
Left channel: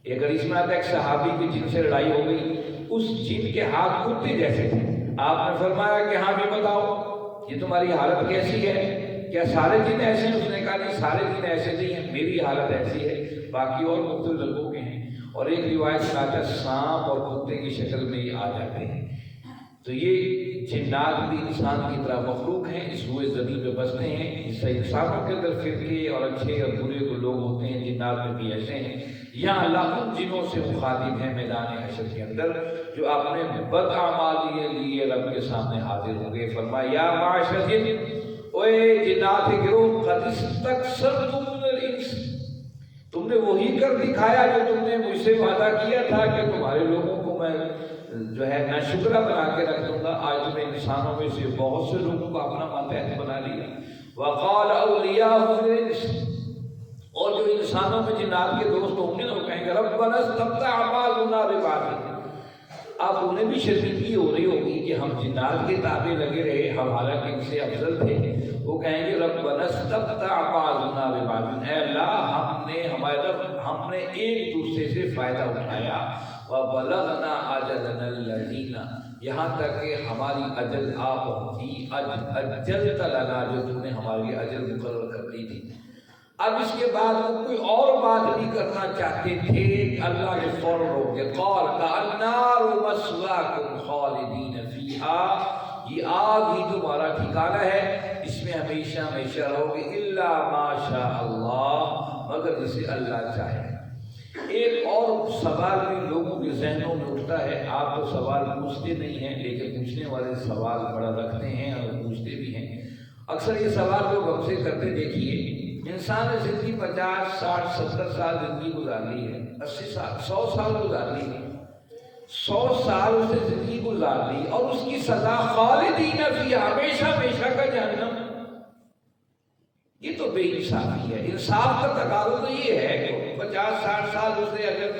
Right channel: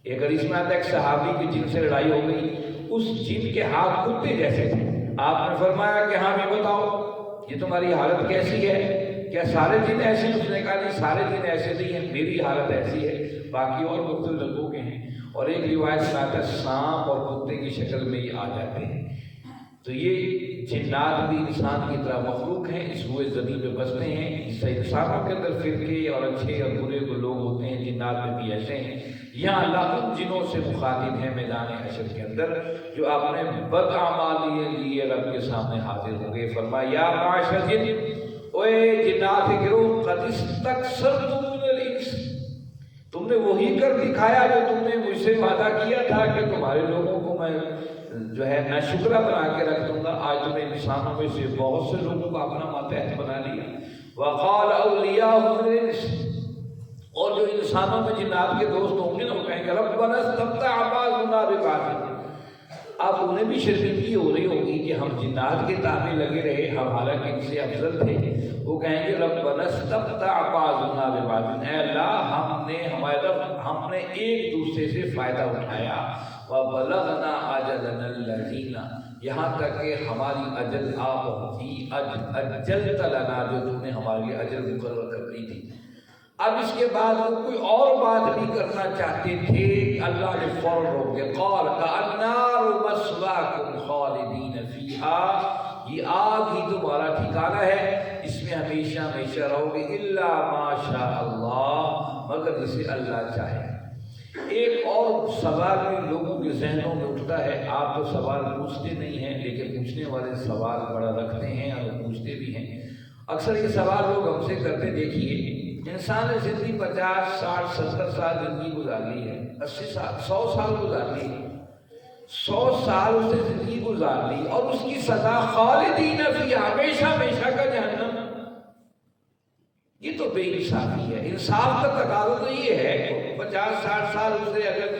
ایک حدیث میں آتا ہے ایک صحابی کی جن سے لڑائی ہو گئی، اس جن کے ہاتھ کتے جیسے تھے، آپ نے فرمایا کہ ہاں بھی بتاؤ یہ تمہاری حالت کیسی ہے، کیا سارے جن ایسے ہیں؟ اس نے کہا نہیں سارے جن ایسے نہیں ہیں، میری حالت ایسی ہے، باقی اور مختلف لوگوں کے ہیں۔ اور ایک روایت میں آتا ہے سانپ اور کتے کی شکل میں یہ آ جاتے ہیں۔ تو یہ جنات بھی انسان کی طرح مخلوق ہیں، اس روئے زمین میں بستے ہیں۔ اس سے انسانوں کے اندر فرقے اور اچھے اور برے کو لوگ ہوتے ہیں، جنات میں بھی ایسے ہیں۔ یہاں اللہ ان جنوں سے مخاطب ہے میدان حشر کے اندر جو اپنے بد اعمال لیے رب کے سامنے حاضر ہوں گے۔ فرمایا یا معاشر الجن، اوے جنات کے گروہ، قد استکثرتم من الانس، تم نے وہی کر دکھایا جو تم نے مجھ سے وعدہ کیا تھا کہ تمہارے لوگوں کو میں جو ہے ناشکرہ بنا کے رکھ دوں گا۔ آج تم نے انسانوں میں سے بہت سے لوگوں کو اپنا ماتحت بنا لیا۔ وقال اولیاء الانس، اور جو انسانوں میں جنات کے دوست ہوں گے نا، وہ کہیں گے ربنا استمتع بعضنا ببعض۔ اب انہیں بھی شرمندگی ہو رہی ہوگی کہ ہم جنات کے تابع لگے رہے، ہم حالانکہ ان سے افضل تھے۔ وہ کہیں گے ربنا استمتع بعضنا ببعض، اے اللہ ہم نے ایک دوسرے سے فائدہ اٹھایا۔ وبلغنا اجلنا الذین، یہاں تک کہ ہماری اجل آ پہنچی، اجلت لنا، جو تم نے ہماری اجل مقرر کر دی تھی۔ اب اس کے بعد وہ کوئی اور بات بھی کرنا چاہتے تھے، اللہ نے فوراً روک دیا۔ قال النار مثواکم خالدین فیہا، یہ آگ ہی تمہارا ٹھکانہ ہے، اس میں ہمیشہ ہمیشہ رہو گے، الا ما شاء اللہ، مگر جسے اللہ چاہے۔ ایک اور سوال بھی لوگوں کے ذہنوں میں اٹھتا ہے، آپ تو سوال پوچھتے نہیں ہیں لیکن پوچھنے والے سوال بڑا رکھتے ہیں اور پوچھتے بھی ہیں۔ اکثر یہ سوال لوگ ہم سے کرتے، دیکھیے انسان نے زندگی 50 60 70 سال زندگی گزار لی ہے، 80 سال 100 سال گزار لی ہے، 100 سال اس نے زندگی گزار لی اور اس کی سزا خالدین فیہا، ہمیشہ ہمیشہ کا جہنم۔ یہ تو بے انصافی ہے۔ انصاف کا تقاضا تو یہ ہے کہ 50 60 سال اس نے اگر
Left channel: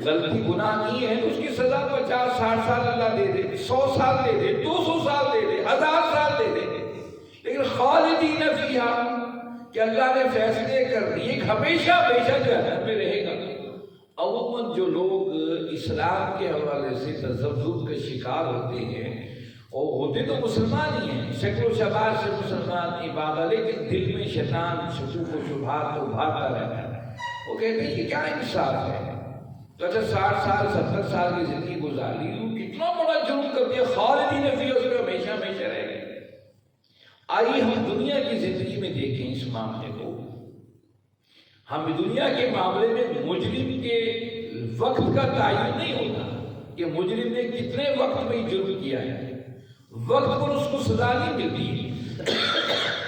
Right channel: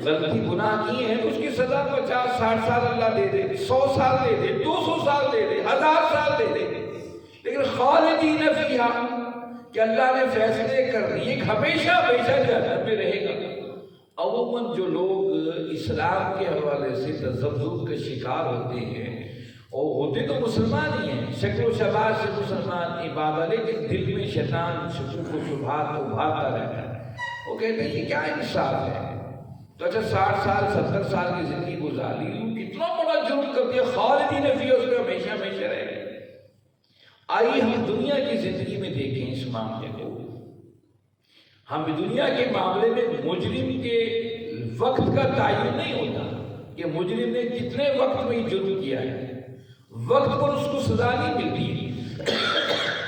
غلطی گناہ کی ہے تو اس کی سزا 50 60 سال اللہ دے دے، 100 سال دے دے، 200 سال دے دے، 1000 سال دے دے، لیکن خالدین فیہا کہ اللہ نے فیصلے کر دیے کہ ہمیشہ ہمیشہ جہنم میں رہے گا۔ عموماً جو لوگ اسلام کے حوالے سے تذبذب کے شکار ہوتے ہیں، اور ہوتے تو مسلمان ہی ہیں، شکل و شباب سے مسلمان عبادت، لیکن دل میں شیطان شکوک و شبہات کو ابھارتا رہتا ہے۔ وہ کہتے ہیں یہ کیا انصاف ہے؟ تو اچھا 60 سال 70 سال کی زندگی گزار لی، کتنا بڑا جرم کر دیا، خالدین فیہا، اس میں ہمیشہ ہمیشہ رہے گا۔ آئیے ہم دنیا کی زندگی میں دیکھیں اس معاملے کو۔ ہم دنیا کے معاملے میں مجرم کے وقت کا تعین نہیں ہوتا کہ مجرم نے کتنے وقت میں جرم کیا ہے، وقت پر اس کو سزا نہیں ملتی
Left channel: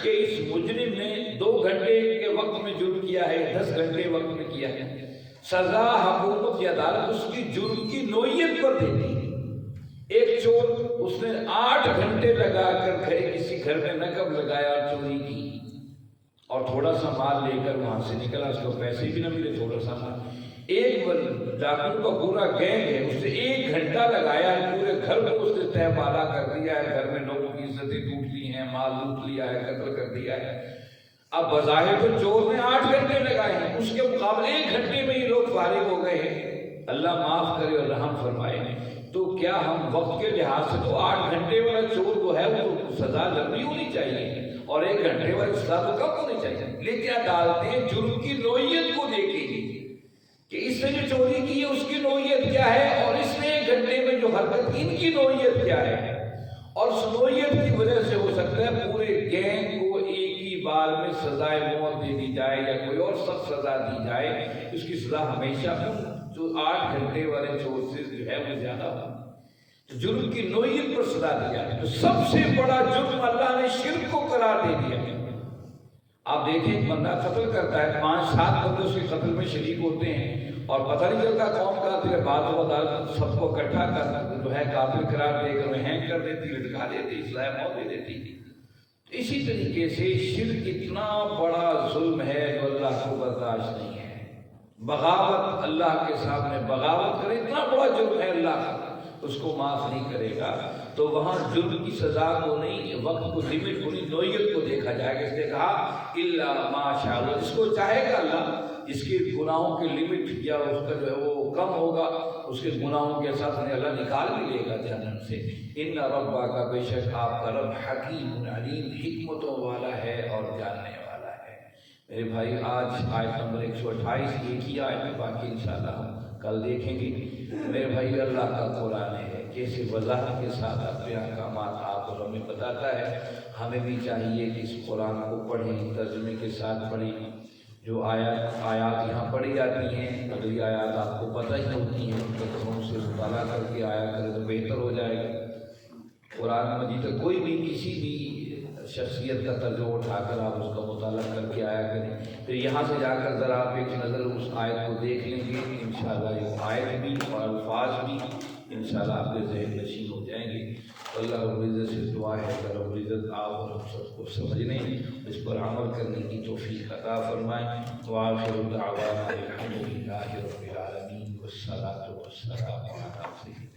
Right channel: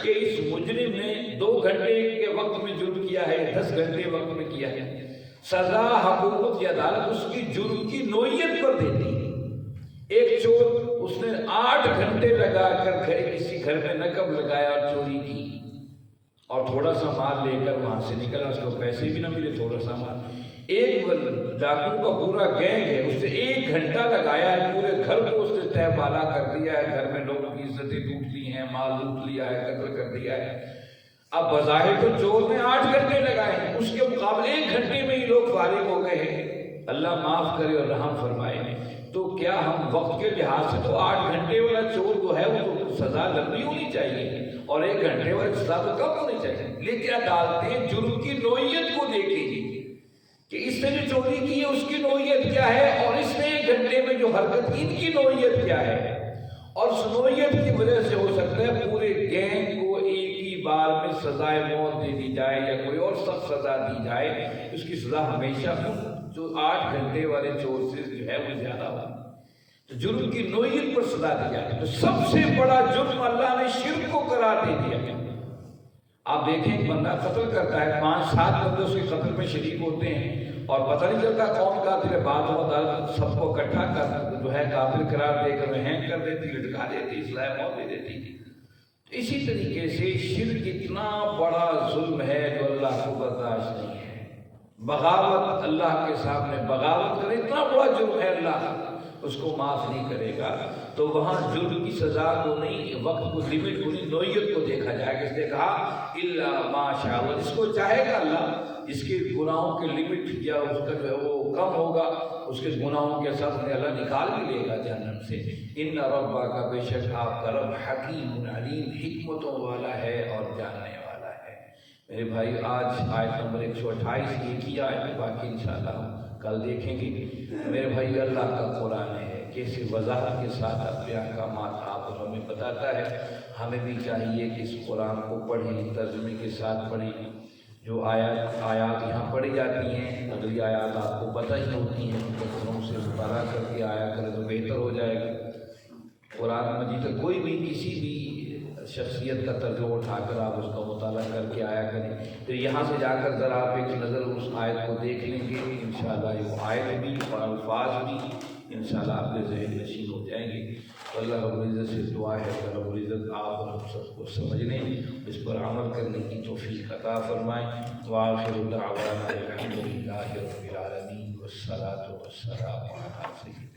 کہ اس مجرم نے 2 گھنٹے کے وقت میں جرم کیا ہے، 10 گھنٹے وقت میں کیا ہے۔ سزا حکومت کی عدالت اس کی جرم کی نوعیت پر دیتی ہے۔ ایک چور، اس نے 8 گھنٹے لگا کر کسی گھر میں نقب لگایا اور چوری کی، اور تھوڑا سا مال لے کر وہاں سے نکلا، اس کو پیسے بھی نہ ملے، تھوڑا سا مال۔ ایک ڈاکو کا پورا گینگ ہے، اس نے 1 گھنٹہ لگایا ہے، پورے گھر کو اس نے تہ بالا کر دیا ہے، گھر میں لوگوں کی عزتیں لوٹ لی ہیں، مال لوٹ لیا ہے، قتل کر دیا ہے۔ اب بظاہر تو چور نے 8 گھنٹے لگائے ہیں، اس کے مقابلے 1 گھنٹے میں ہی لوگ فارغ ہو گئے ہیں۔ اللہ معاف کرے اور رحم فرمائے۔ تو کیا ہم وقت کے لحاظ سے تو 8 گھنٹے والا چور جو ہے وہ سزا لمبی ہونی چاہیے اور 1 گھنٹے والا سزا تو کم ہونی چاہیے، لیکن عدالتیں جرم کی نوعیت کو دیکھیں گی کہ اس نے جو چوری کی ہے اس کی نوعیت کیا ہے، اور اس نے 1 گھنٹے میں جو حرکت کی ان کی نوعیت کیا ہے، اور اس نوعیت کی وجہ سے ہو سکتا ہے پورے گینگ کو ایک ہی بار میں سزائے موت دے دی جائے یا کوئی اور سخت سزا دی جائے، اس کی سزا ہمیشہ جو 8 گھنٹے والے چور سے جو ہے وہ زیادہ ہو۔ جرم کی نوعیت پر سزا دی جاتی ہے۔ تو سب سے بڑا جرم اللہ نے شرک کو قرار دے دیا ہے۔ آپ دیکھیں بندہ قتل کرتا ہے، 5 7 بندے اس کے قتل میں شریک ہوتے ہیں اور پتہ نہیں چلتا کون قاتل ہے، بعد میں عدالت سب کو اکٹھا کر جو ہے قاتل قرار دے کر ہینگ کر دیتی، لٹکا دیتی، سزائے موت دے دیتی۔ اسی طریقے سے شرک اتنا بڑا ظلم ہے جو اللہ کو برداشت نہیں ہے۔ بغاوت، اللہ کے سامنے بغاوت کرے، اتنا بڑا جرم ہے، اللہ اس کو معاف نہیں کرے گا۔ تو وہاں جرم کی سزا کو نہیں، وقت کو، لمٹ کو نہیں، نوعیت کو دیکھا جائے گا۔ اس نے کہا الا ما شاء اللہ، اس کو چاہے گا اللہ، اس کے گناہوں کے لمٹ یا اس کا جو ہے وہ کم ہوگا، اس کے گناہوں کے ساتھ اللہ نکال بھی لے گا جہنم سے۔ ان ربک کا، بے شک آپ کا رب، حکیم علیم، حکمتوں والا ہے اور جاننے والا ہے۔ میرے بھائی آج آیت نمبر 128 ایک ہی آیت میں، باقی انشاءاللہ ہم کل دیکھیں گے۔ میرے بھائی اللہ کا قرآن ہے کیسے وضاحت کے ساتھ اپنے احکامات آپ اور ہمیں بتاتا ہے. ہمیں بھی چاہیے کہ اس قرآن کو پڑھیں، ترجمے کے ساتھ پڑھیں. جو آیات یہاں پڑھی جاتی ہیں اگلی آیات آپ کو پتہ ہی ہوتی ہیں، تو ہم سے مطالعہ کر کے آیا کریں تو بہتر ہو جائے گا. قرآن مجید کا کوئی بھی کسی بھی شخصیت کا ترجمہ اٹھا کر آپ اس کا مطالعہ کر کے آیا کریں. پھر یہاں سے جا کر ذرا آپ ایک نظر اس آیت کو دیکھ لیں گے، انشاءاللہ یہ آیت بھی اور الفاظ بھی انشاءاللہ آپ کے ذہن نشین ہو جائیں گے. اللہ رب العزت سے دعا ہے کہ رب العزت آپ اور ہم سب کو سمجھنے، اس پر عمل کرنے کی توفیق عطا فرمائیں. وآخر دعوانا الحمد للہ رب العالمین والصلاۃ والسلام علی سیدنا